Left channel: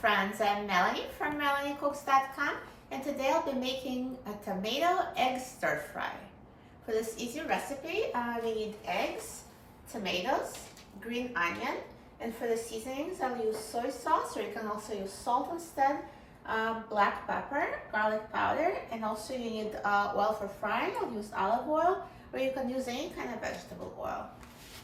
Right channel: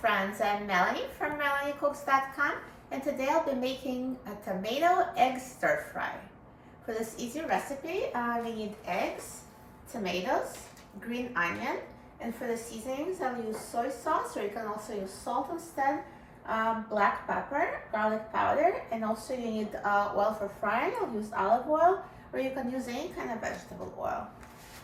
friends, I'm Melanie from MelanieCooks.com, and today I'll be making a tomato egg stir fry. For this easy recipe, we need eggs, tomatoes, green onion, and for the seasonings I'll use soy sauce, or you can also use salt instead, black pepper, garlic powder, and also you need oil for frying. I'll use olive oil, or you can use any kind of vegetable oil.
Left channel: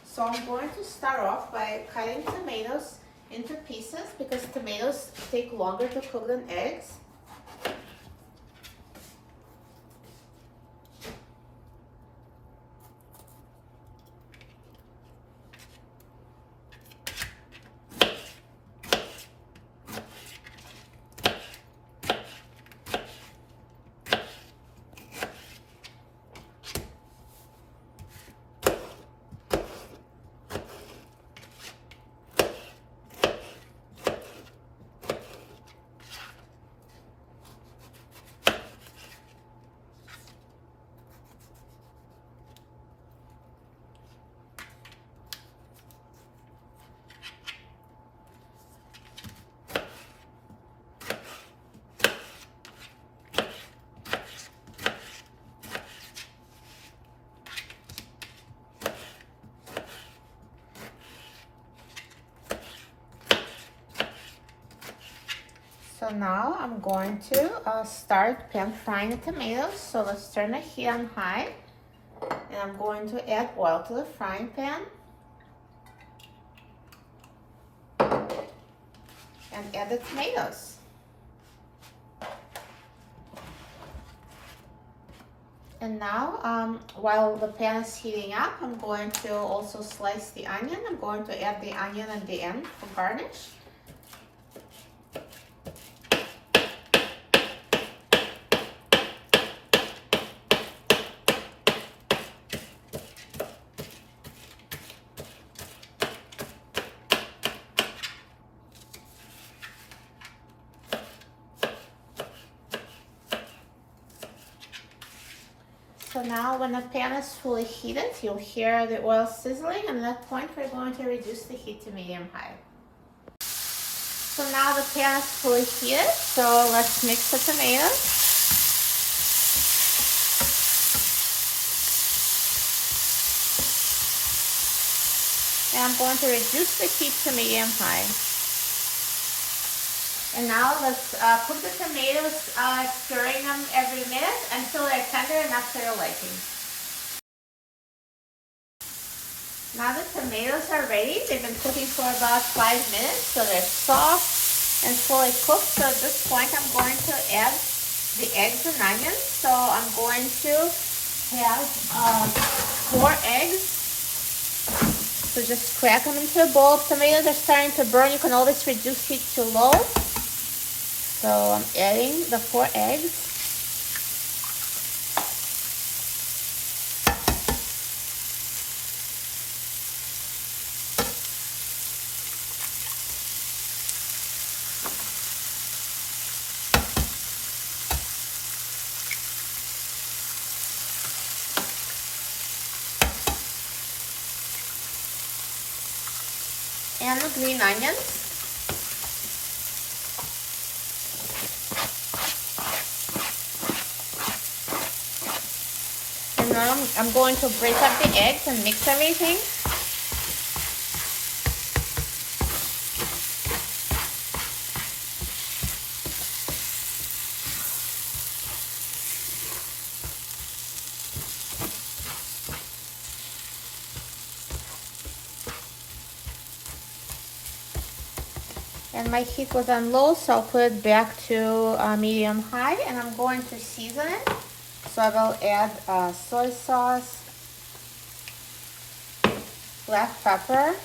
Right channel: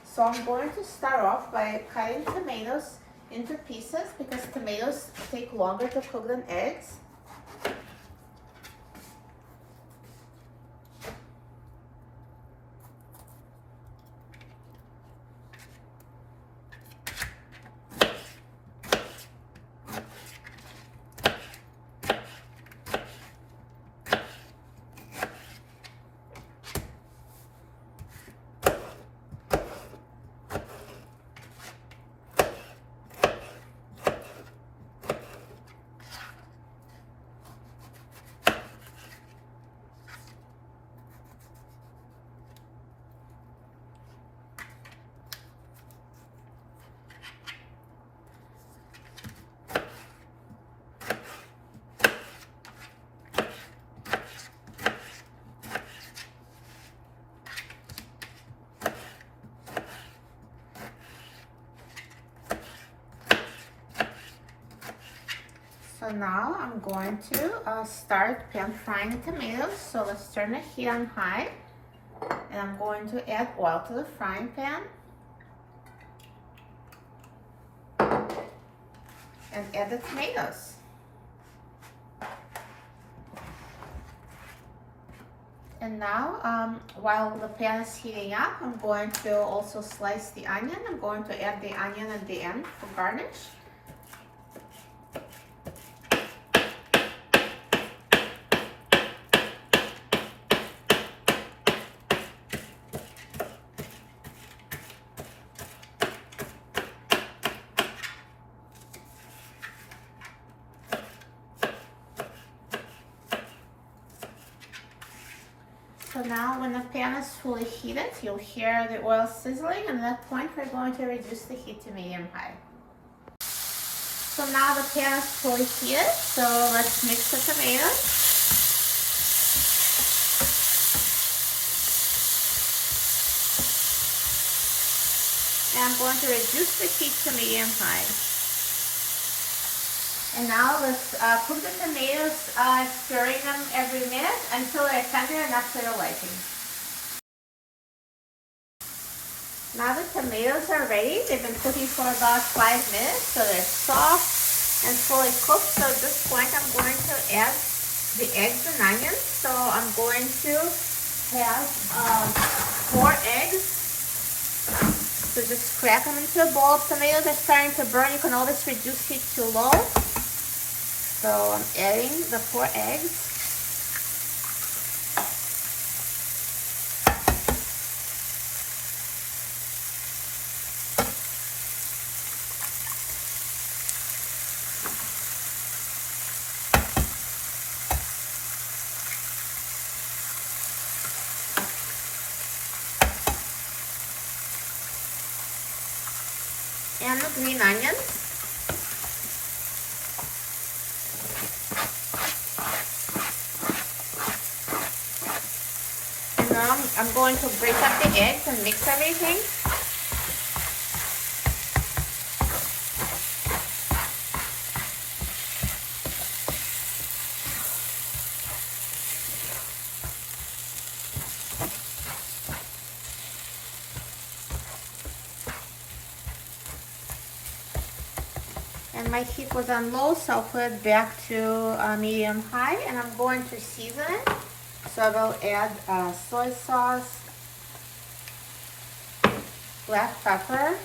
So I'm going to start off by cutting tomatoes into pieces because tomatoes take longer to cook than eggs. So now I'm going to start pan frying tomatoes. So let's turn the heat on high, and I'm going to add oil to the frying pan and add the tomatoes. And now, while the pan is heating up, I'm going to also slice the onion. I'm going to add the onion at the end for garnish. So now when the pan is fully heated, you'll hear the oil sizzling, and at that point we're going to reduce the heat to medium-high. So now the pan is fully heated, so let's mix the tomatoes. And I'm going to reduce the heat to medium-high. And now let's cook the tomatoes, stirring them every minute until they're tender enough to your liking. Now the tomatoes are ready. They've been cooking for about 5 minutes, so they're soft and fully cooked. So at this point I'm going to add the eggs and onions. So I'm going to have 4 eggs. So just crack them into a bowl. Tomatoes are starting to burn. You can always reduce heat to low. So I'm adding the 4 eggs. And the green onions. I'm going to break up the eggs and mix everything. And my heat was on low, so I'll put it back to medium-high, and I'm going to season it. So I will add soy sauce, black pepper,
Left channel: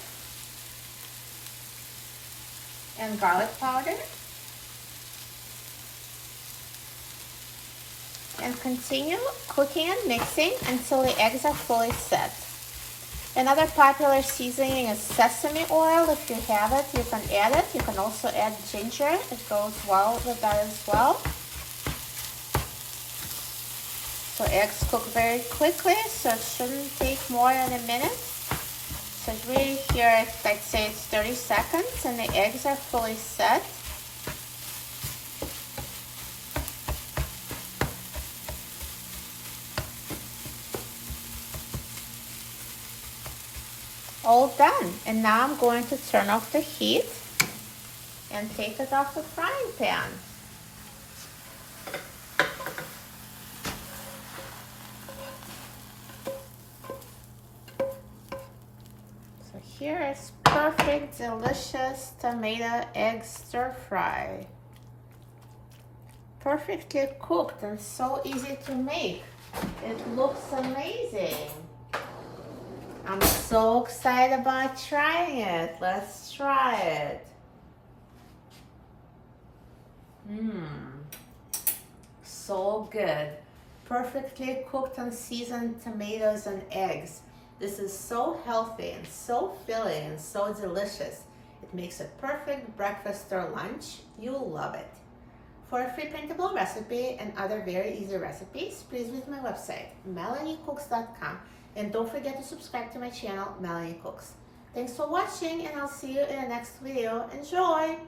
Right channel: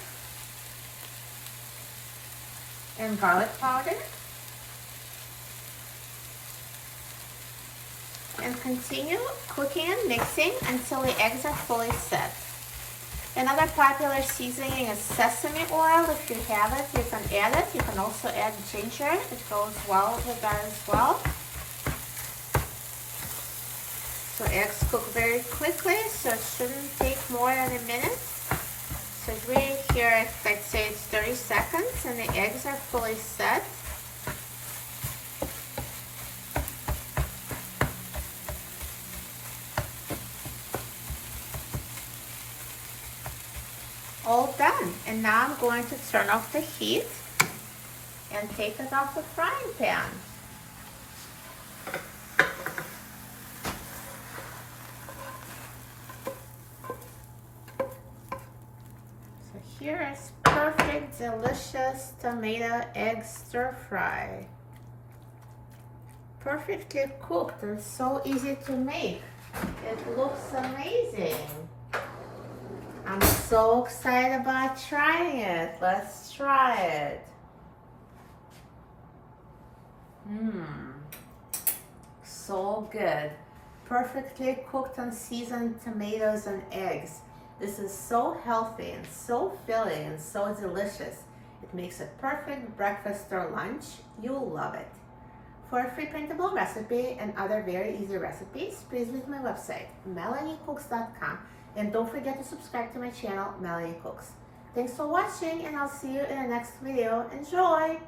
and garlic powder. And continue cooking and mixing until the eggs are fully set. Another popular seasoning is sesame oil. If you have it, you can add it. You can also add ginger. It goes well with that as well. So eggs cook very quickly, so it shouldn't take more than a minute. So it's really here, I'd say it's 30 seconds, and the eggs are fully set. all done. And now I'm going to turn off the heat and take it off the frying pan. So here is perfect, delicious tomato egg stir fry. Perfectly cooked and so easy to make. It looks amazing. I'm so excited about trying it. Let's try it. So good. Perfectly cooked and seasoned tomatoes and eggs. This is so healthy and so filling and so delicious. It makes a perfect breakfast or lunch. You'll love it. For a free printable recipe and other very easy recipes, please visit my website, melaniecooks.com, and don't forget to subscribe to my channel, Melanie Cooks. Thanks for watching, and I'll see you in the next video. Enjoy!